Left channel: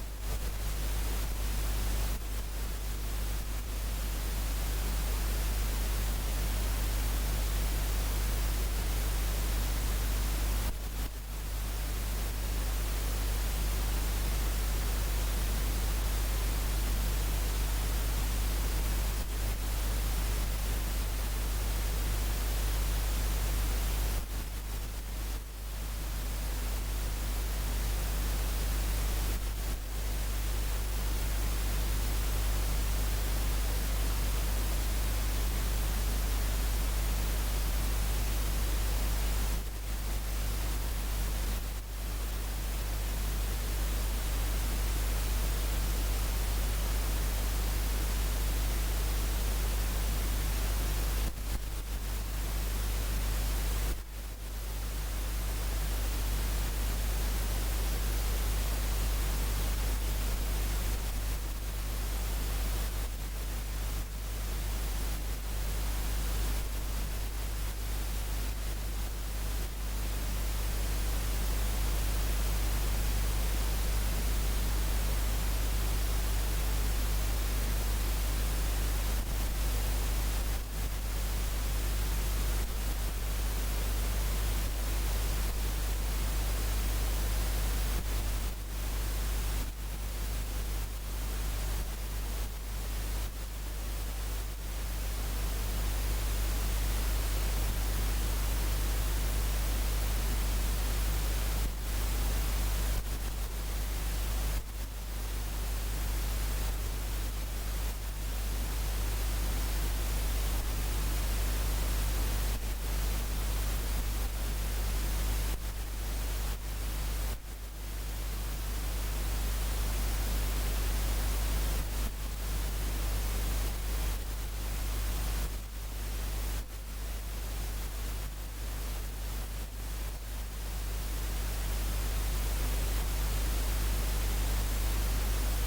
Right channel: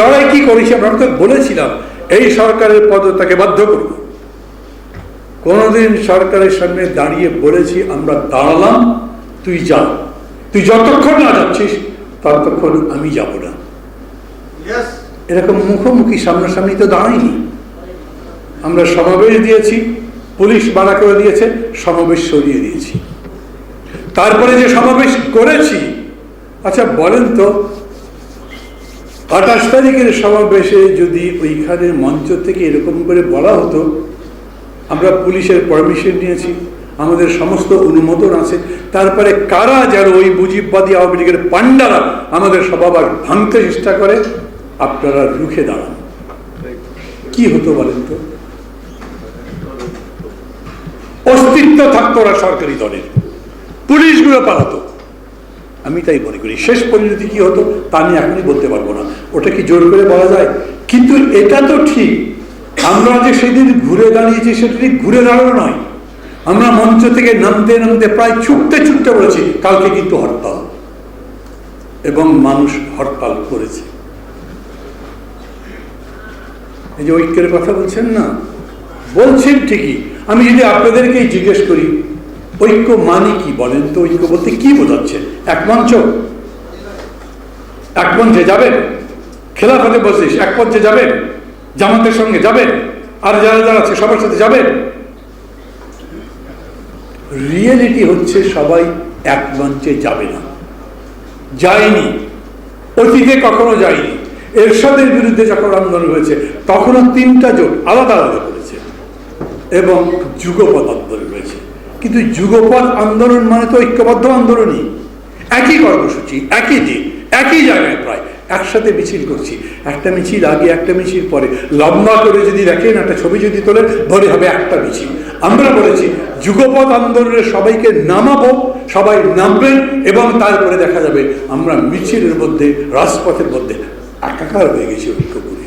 লড়াই কি করেছি? আমরা তো বলেছিলাম এই সরকারের পদত্যাগে বাধ্য করব। কোনদিন সরকারের সামনে দাঁড়িয়ে বলেছি আমরা দাঁড়ালাম, তুই যা, তুই যতক্ষণ না যাচ্ছিস ততক্ষণ আমি যাব না। এরকম মুখোমুখি সামনাসামনি তো দাঁড়াইনি। আমরা সমাবেশ দিয়েছি, পুলিশ বাধা করে দিয়েছে, সমাবেশ সরিয়ে দিয়েছি। তারপরে যে সমাবেশ করেছি, আচ্ছা বলেন তো 28 তারিখের সমাবেশে যদি ওইখানে মঞ্চ থেকে এরকম করে বলা হতো আমরা পুলিশের পারমিশন নিয়েছি, আমাদের সমস্ত অনুমোদন আছে, তারপরে কারা যারা ওই মুজিববাদী আওয়ামী লীগের পান্ডারা আমাদের সভাবার ভাঙতে চেষ্টা করে, আপনারা রুখে দাঁড়ান, কি হতো বলেন তো? অস্তিত্ব থাকতো ওরা সরকারি দলের, পুলিশগুলো পালাতো। আমি তাই মনে করি শেষ পরিণতি কি হতো তা আমি এখনই বলতে পারবো না, ওটা কি জোর করে বলা যায়? কিন্তু এটা তো ঠিক, আমরা যে সেদিন ঘুরে দাঁড়িয়েছি সেটা ঠিক ঘুরে দাঁড়ানো নয়। আমরা মঞ্চ থেকে নামতে নামতে প্রায় ছুটতে ছুটতে বলেছি কালকে কিন্তু হরতাল, এবং মানুষ হরতাল করেছে। এই যে ঐক্যের কথা বলছেন না, বলছেন ঠিকই। আমি যদি আপনাদেরকেই জিজ্ঞেস করি ঐক্য মানে কি বলেন তো? ঐক্য বলতে কি বোঝাচ্ছে? এক মঞ্চ, এক মঞ্চে যাবেন, খেলাফতে বসিস এক মঞ্চে যাবেন, জামাতের সঙ্গে যাবেন, আর যারা যারা আছে সবার সাথে যাবেন। রিয়েলিটি হচ্ছে সবাই এক মঞ্চে যাবে না, যায়নি, অতীতে কখনো যায়নি। এরশাদের বিরুদ্ধে যখন আন্দোলন হয়েছে তখনও 3টা জোট আলাদা আলাদা করেছে এবং যুগপৎ আন্দোলন হয়েছে। কিন্তু যুগপৎ আন্দোলন মানে তো ঐক্যবদ্ধ আন্দোলনই, একই কর্মসূচি, একই দিন, একই জায়গায় প্রায় একসাথে মিছিল করছি। একটা মিছিল আগে, একটা মিছিল পরে, লম্বা করে যদি দেখেন, একটা ছবি যদি তোলেন ধরে হবে একটা মিছিল। আমরা বলেছি যুগপৎ আন্দোলনে সবাইকে নামাবো, সবাই নামবেন, এবং তারপরে দেখা যাবে আমরা মিছিলের মধ্যে, রাজপথের মধ্যে একাকার হয়ে গেছি ঐক্য করে।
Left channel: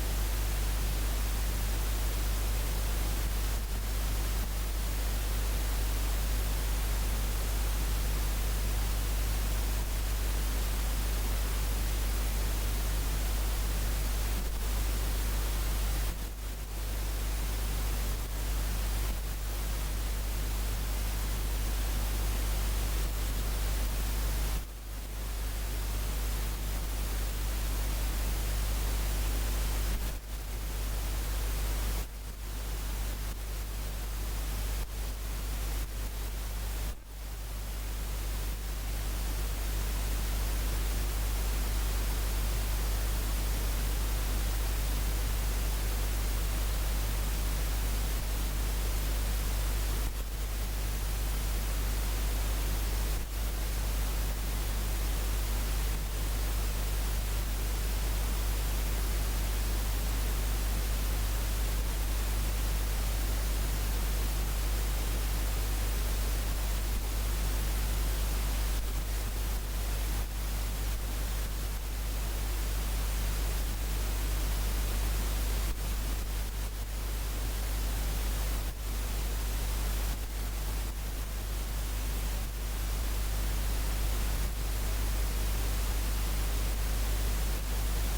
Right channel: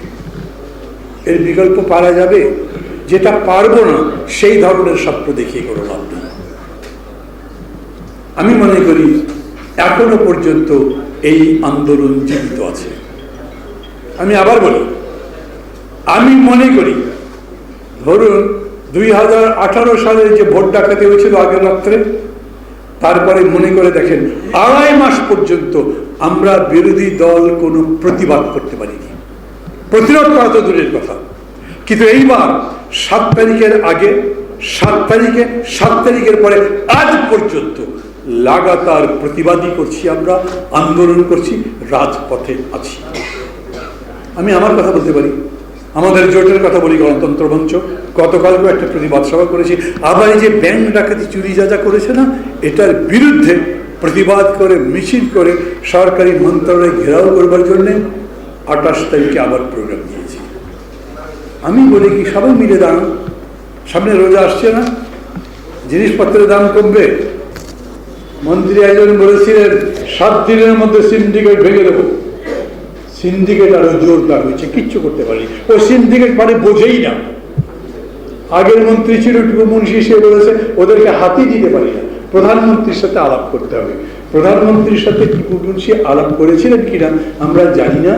এর বিকল্প পারা যাবে? যেটা পারবো না সেই ধরনের স্বপ্ন দেখিয়ে কোনো লাভ নেই। আমি মনে করি এখনো পর্যন্ত এই আন্দোলন জীবিত আছে। আমি আবার বলি, আমি মনে করি ধরুন 2018 সালে যে ভোট ডাকাতি হয়েছিল আগের রাত্রে, তারপরে মনে করে দেখেন 2.5 মাস পর্যন্ত আমরা বিরোধী দল কোনো প্রতিবাদ করতে পারিনি। প্রতিরোধ করা তো দূরের কথা, কিন্তু এইবার 7 তারিখের আগে, 7 তারিখে, 7 তারিখের পরে আজ পর্যন্ত লাগাতার প্রতিবাদী করছি, আমরা আন্দোলন করছি, রাজপথে আছি। আমি আমার কথা বলতে পারি, আমাদের জোটের কথা বলি, গণতন্ত্র মঞ্চ গতকালকেও একটা প্রতিবাদ সভা করেছি। আবার এই যে ব্যাংক ডাকাতি, চুরি যা করেছে না, এটার বিরুদ্ধে প্রতিবাদ করে মিছিল করে সরকারি মন্ত্রণালয় ঘেরাও করবার জন্য 28 তারিখে আবার প্রোগ্রাম দিয়েছি। আমি বলি কি সবাই মিলে দাঁড়ান, সামনে রোজা আসছে না, জিনিসপত্রের দাম কমবে। মন্ত্রী একজন বলেছিলেন 7 দিনের মধ্যে সিন্ডিকেট ভেঙে দেবো। সিন্ডিকেট আরো জোরদার হয়েছে, কিচ্ছু করতে পারি। ও সিন্ডিকেট মানে বোঝেই না। আগের মন্ত্রী ছিল টুকু মুন্সি, সে বলেছে ওদেরকে হাতি দিতে পারি না, প্রধানমন্ত্রীর সাথে আলাপ করতে হবে। প্রধানমন্ত্রীর সাথে টিপু মুন্সি আলাপ করেছিলেন কিনা আমরা জানি না।